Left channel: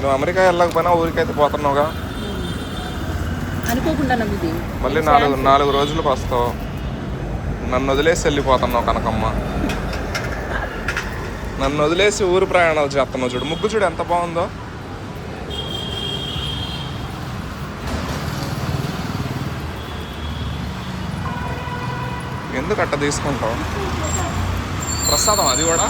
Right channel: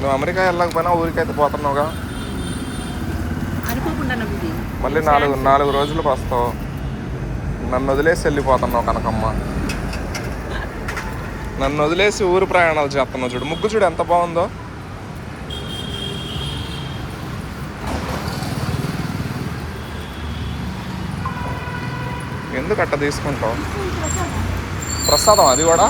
నువ్వు అమెరికా వెళ్ళకపోయినా ఊరికైతే పోతున్నావుగా? మళ్ళీ నాలుగు నాలుగు రోజులకు వస్తావు. నన్ను వదిలేసి వెళ్ళిపోతున్నావు కనకమ్మ. నన్ను వదిలేసి ఊరు ప్రయాణాలు చేస్తున్నావు చూడు. ముగ్గు చూడు ఎంత బాగుందో. ఎందుకు అట్ట తీసుకుంటావు? ప్రసాదం అది కూడా?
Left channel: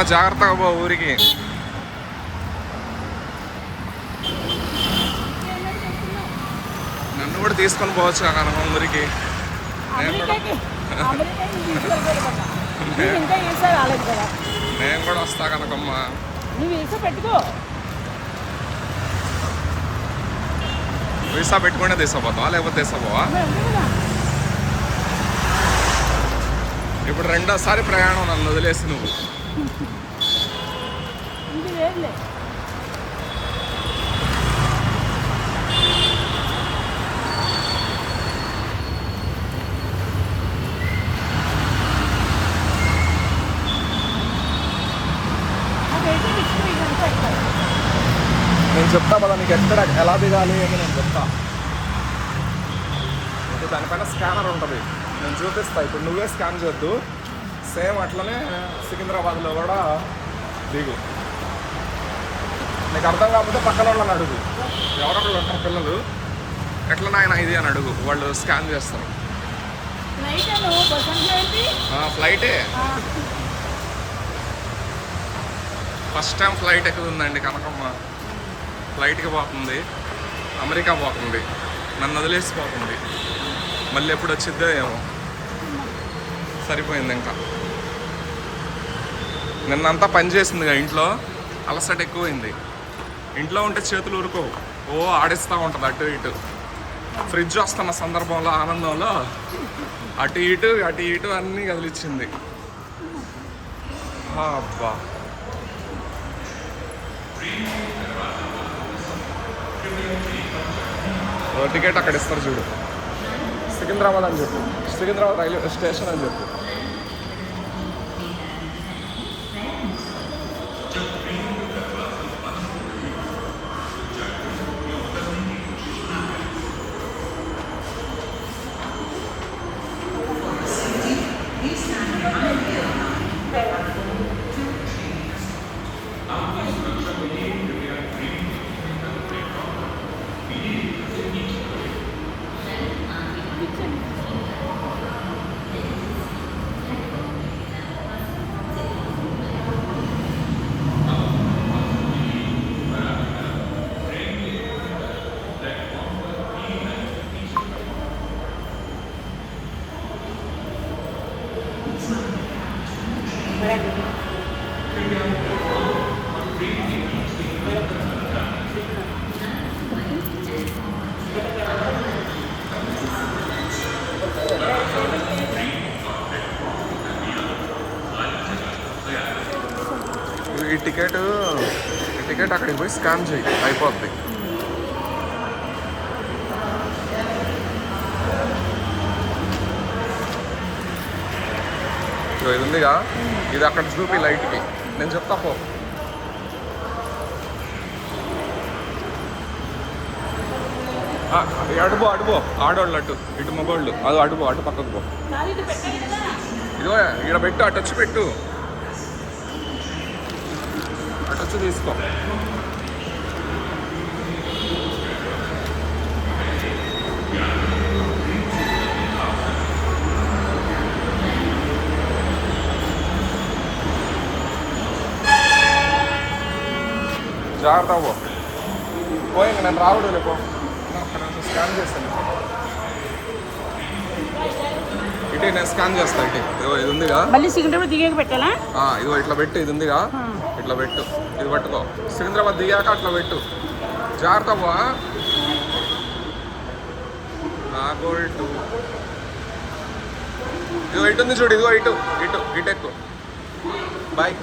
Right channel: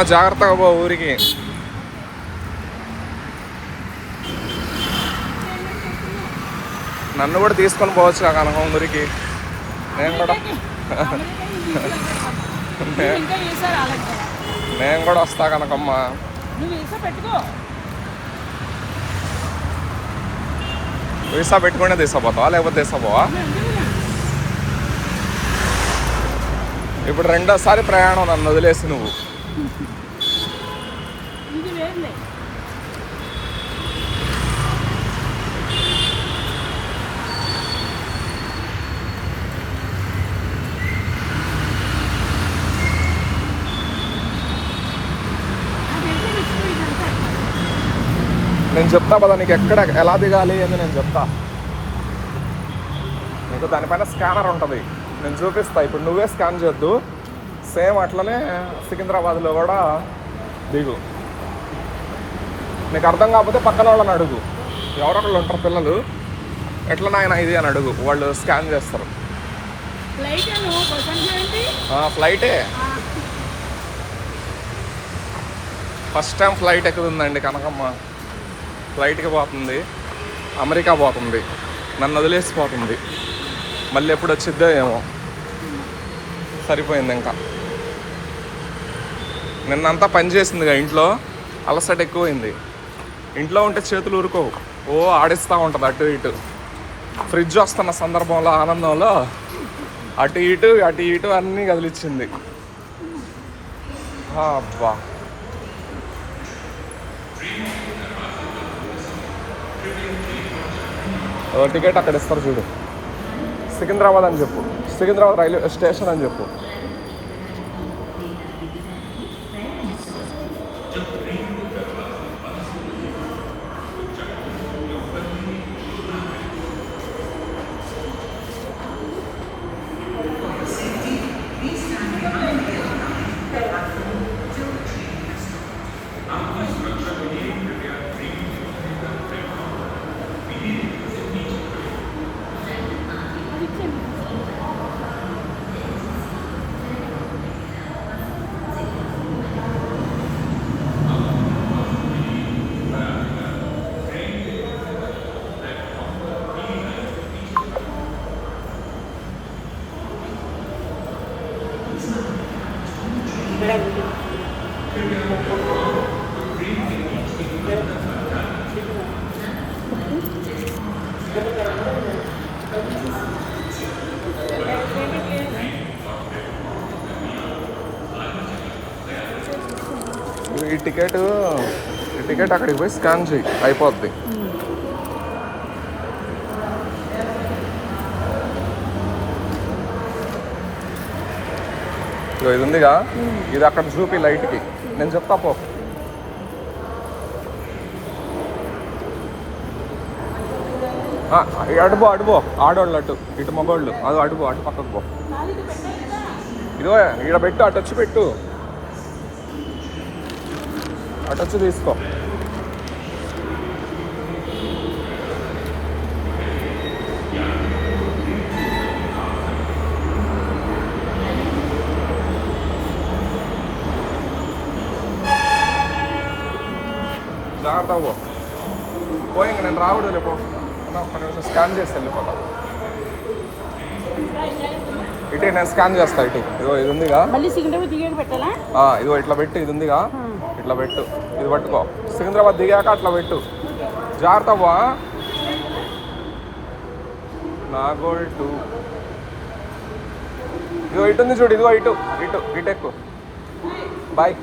అమ్మ జాగ్రత్తగా పో ఊరికి. నన్ను కూడా తీసుకొని పోవచ్చు కనుక ఊరికి. నేను కూడా నేను కూడా వస్తా కనకమ్మ. వీసా పెట్టుకునే తీసుకుపోతావా లేకపోతే తీసుకుపోవా ఇప్పుడు రెండోసారి ప్రయాణం నన్ను వదిలేసి నువ్వు. ఇది వేరులే అదైతే ఎక్కువ ఇదంతా ఎక్కువ. నేను చెప్తా కదా నీకు ఎక్కడ ఎలా దిగాలి అని నేను చెప్తా నీకు దానిపైన స్కానర్ ఉంటుంది నేను చూపిస్తా ఇప్పుడు నువ్వే స్కాన్ చేయొద్దు సేమ్ అట్లనే సికింద్రాబాద్లో కూడా దిగు. నీకు అర్థం కాకపోతే పక్కన వాళ్ళని అడుగు. ఎవరొకళ్ళు ఉంటారు పిల్లలు. ఎట్లా నాయన ఇది అని అడుగు. వాళ్ళు స్కాన్ చేస్తారు. ఫ్లైట్ ఫస్ట్ టైం ఫ్లైట్ ఎక్కుతుందండి కనకమ్మ. ఫ్లైట్కి పోతుంది. అమెరికా పోతుంది. నన్ను వదిలేసిపోతుంది మళ్ళీ ఎప్పుడు వచ్చిద్దో ఏమో. సరిపోయింది ఇంకా. నిన్నంతా పనిచేసిందిగా ఇంట్లో. అలసట ఎక్కువైంది. ఇంట్లో ఉంటే చేతులు ఊరుకోవు. ఓ ఆడిస్తూ ఉంటుంది అటు ఇటు. ఫ్రిడ్జ్ వస్తున్న సందర్భంలో ఆనందంలో అటు ఇటు అటు ఇటు అన్నీ కదిలిచ్చింది. అబ్బా. ఓ టికెట్ అక్కడ ఇస్తారు చూడు. సికింద్రాబాద్ అని చెప్పు. సికింద్రాబాద్ రైల్వే స్టేషన్ అని చెప్పు. ఈ టికెట్ ఈ టికెట్ అక్కడికి పోయి స్కాన్ చేయి అయిపోద్ది ఇది ఉందిగా. ఇది అక్కడ చూపి లైట్కి. నేను చెప్తా పో. అడుపో అడుపో ఆడోళ్ళు అటు ఇటు మగోళ్ళు. అది అడుపో అటు పక్కకు పో. ఇదిగో ఇక్కడ పెట్టు అటు వచ్చి పెట్టు. అటు వచ్చి తీసుకో. జాగ్రత్త పో. పోయి నేను రాకూడదు లేపో స్కాన్ చేస్తాను ఇటు నేను స్కాన్ చేస్తా ఇటు. ఇదిగో ఇది ఉందిగా. మళ్ళీ సికింద్రాబాద్ దిగాక పెట్టాలా? ఆ, ఇదిగో ఇట్లా పెట్టు ఇది ఉందిగా. ఇట్లా పెట్టు. ఇది పట్టుకో. సికింద్రాబాద్ దిగాక అట్లా పెట్టు. జాగ్రత్త బా నాగోల్ టూ. ఇదిగో ఇటు ఉంది చూడు ఇదిగో ఇటు. ఇటు ఇటు ఎక్కు. బాయ్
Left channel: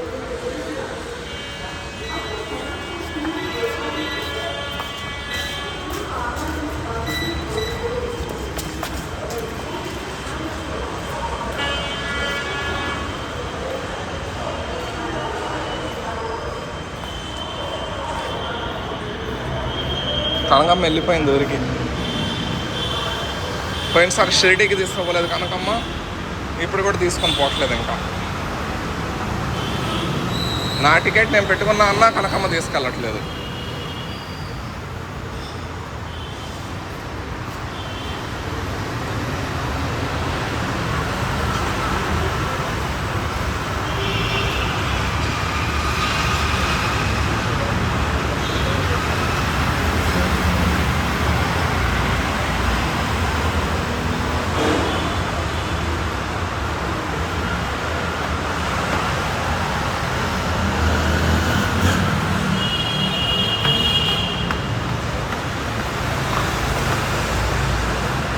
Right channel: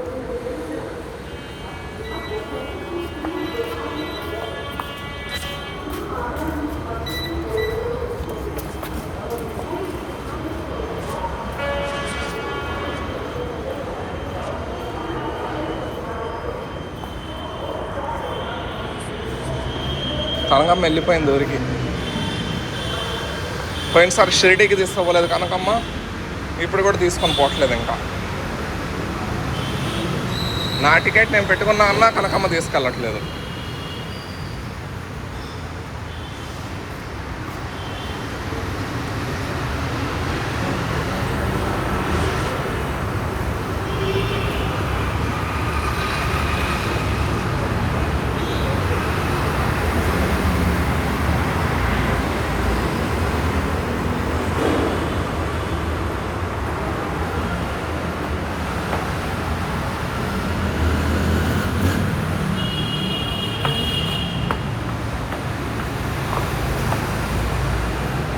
కనకమ్మ వెళ్ళిపోయింది ఊరికి. పోయినసారి షిరిడీకి తీసుకోపోలేదు కనకమ్మ. ఇప్పుడు కూడా తీసుకొని పోవట్లేదు ఇంకా. నా టికెట్ నేను పెట్టుకున్నా అన్నా కనకమ్మ తీసుకెళ్ళట్లేదు.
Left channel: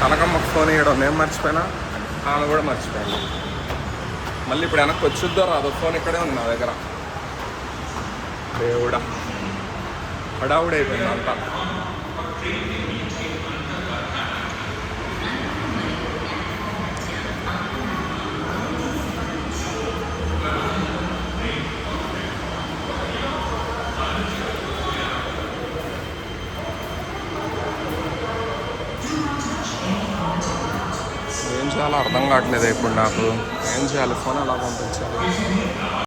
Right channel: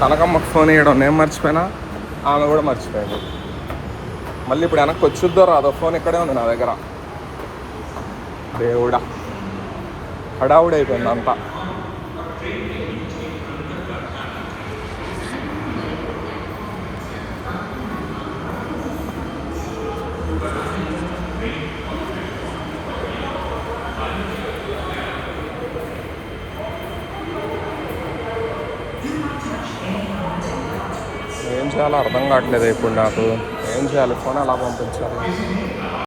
కనకమ్మకు ఫోన్ వేయడం నేను మర్చిపోయినా? ఆమె కూడా మర్చిపోయింది. మళ్ళీ ఇప్పుడు వెనక్కి వచ్చిద్దో రాదో ఫోన్ ఇక్కడే ఉంది నా దగ్గర. దేవుడా. హడావుడైపోయింది అంతా. చేయాలో అర్థం కావట్లేదు ఇప్పుడు నాకు. ఏం చేయాలి? ఫోన్ ఎలా పంపించాలి?